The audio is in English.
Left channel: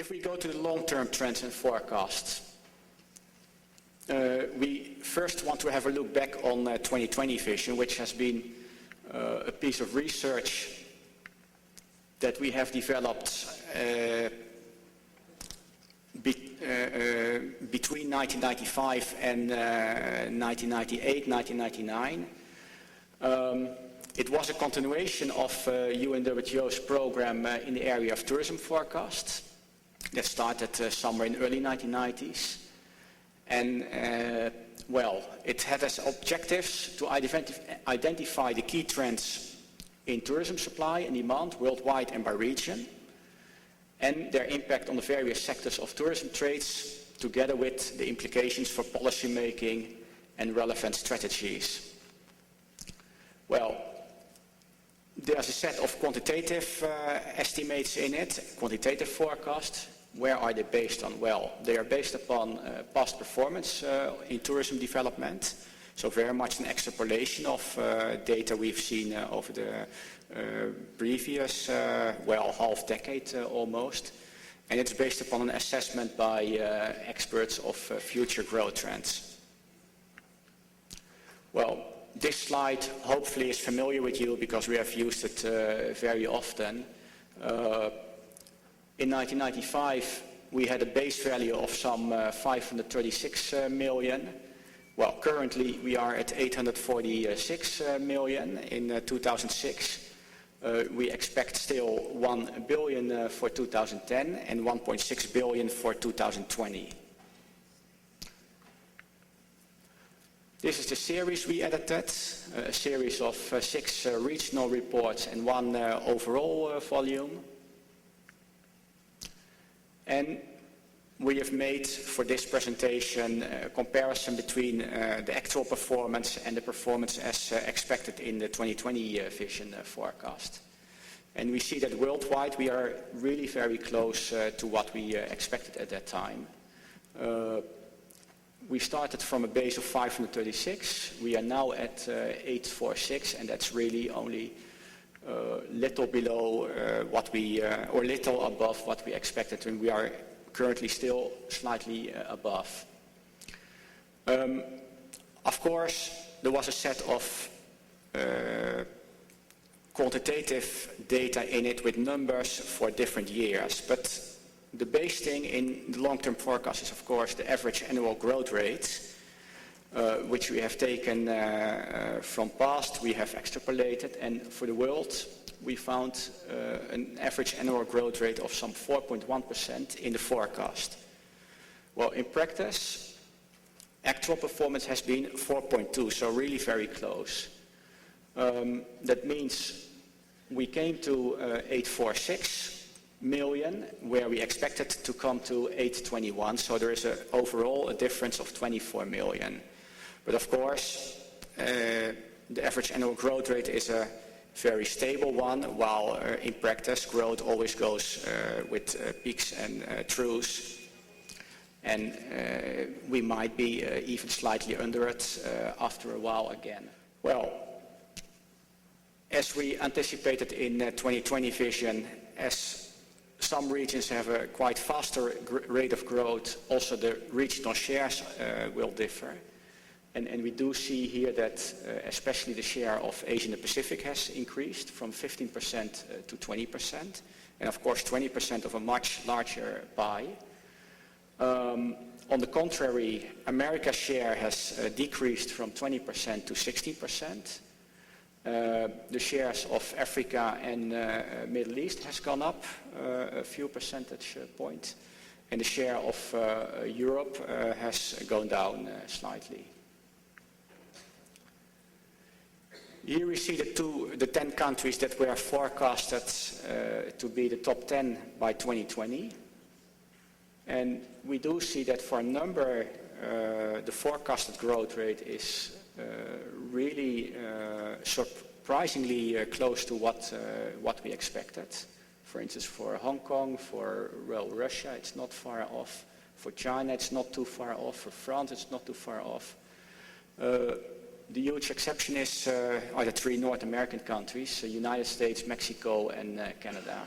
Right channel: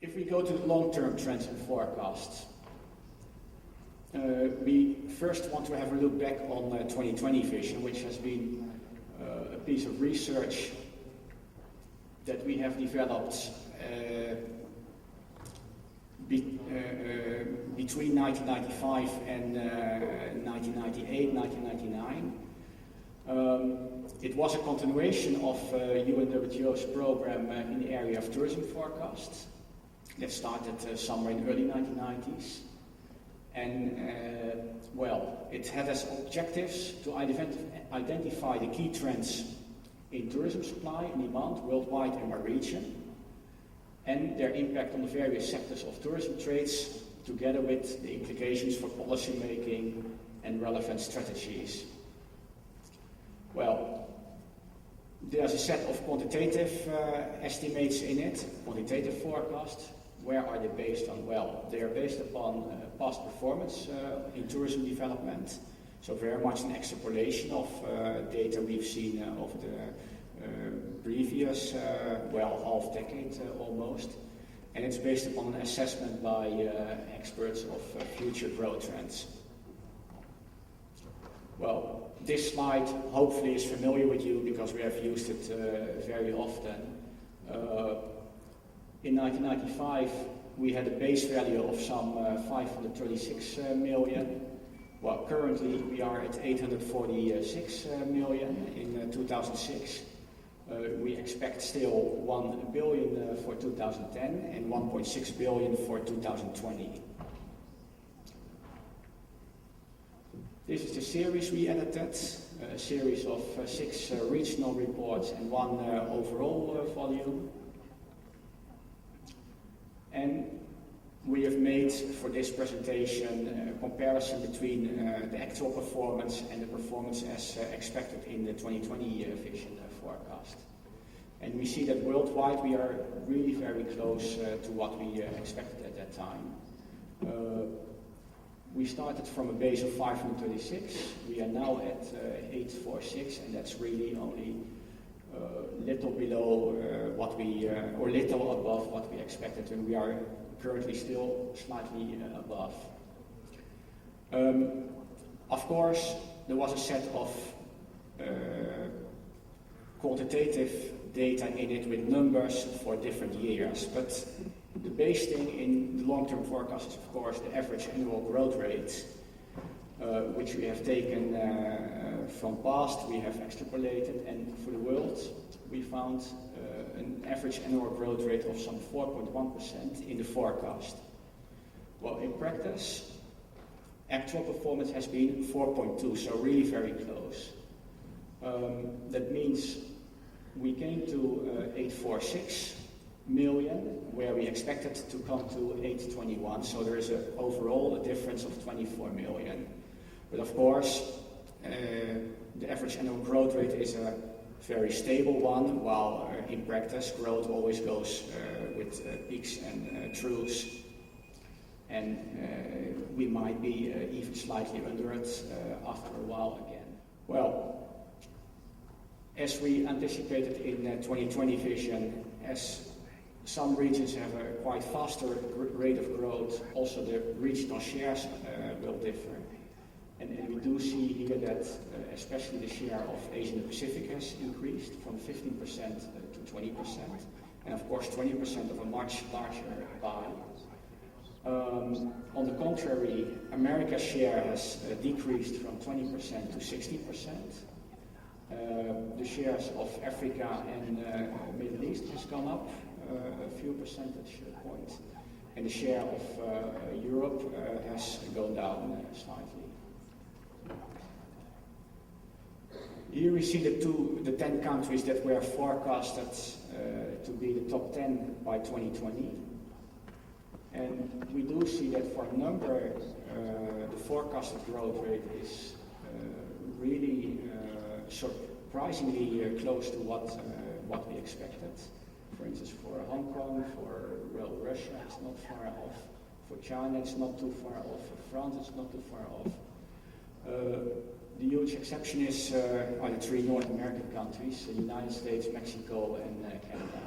If we go to the long-term trends and forecasts, we first want to have a look back on 2020 vision, which has been a piece of research that we have developed between 1995 and 1998, 1999. It was a continuation of UNWTO's program in the area of tourism forecasts that started somewhere in the early 1990s. And well, it had as objectives to identify the key trends in tourism supply and demand worldwide and by region, and their impact on the various sectors of tourism trades, together with the implications for policy making and relevant strategies. Well, there's a set of quantitative estimates in it, quantitative forecasts. Where are they based on? Well, they are based upon past performance in tourism development. So very much an extrapolation of data we've seen over the previous, well, half decade almost. And it's based upon an assessment by experts of future growth trends. Well, this slide hopefully is familiar with you because we have used it very often. In 1995, we had a base value of some 536 million. Well, currently we are at 846 million in 2006. We expect still 1 billion for 2010 and 1.6 billion for 2020. This is the series we edited, a series of 6 regional reports and 1 overall volume. And we have made for this presentation a comparison between the actual performance and the performance as expected in the 2020 vision forecast. And we see that worldwide we are really very close to what we expected at that time. We started from a base of 536. We are now at 846, and that's really only little below what we, or little above what we expected, and we are currently still slightly above. Of course, there was a set of quantitative data in it with numbers for different years, but the base thing in the long-term forecast is, of course, the average annual growth rate, which we have taken from past, we have extrapolated, and for the world, we found an average annual growth rate of some 4.1% in the forecast. Well, in practice, actual performance has been 4.2, so really very close. That means we came to 846 million, where we expected to come to 821, so there is overall a difference of 24 million. But of course, the average annual growth rate is a very stable one, while in practice growth always goes with peaks and troughs, and we might be even slightly under it after a while again. Well, as we anticipated in 2020 vision, as some regions have a quite faster rate of growth, also the regional shares will differ. And we do see here that especially the share of Asia and the Pacific has increased from 15% to 20%, and of course 20% of a much larger pie. On the contrary, America's share has decreased from 20% to 16%. The shares of Africa and Middle East has gone up a few percentage points, and the share of Europe has gone down slightly. Here we see the 10 countries that were forecasted to be the top 10 by 2020. And we do see that for a number, the forecasted growth rate is really surprisingly close to what we expected. For instance, for Hong Kong, for Russia, it's not far off. For China, it's not too far off. For France, it's not too far off. The huge exception is are the 3 North American countries, the United States, Mexico, and Canada.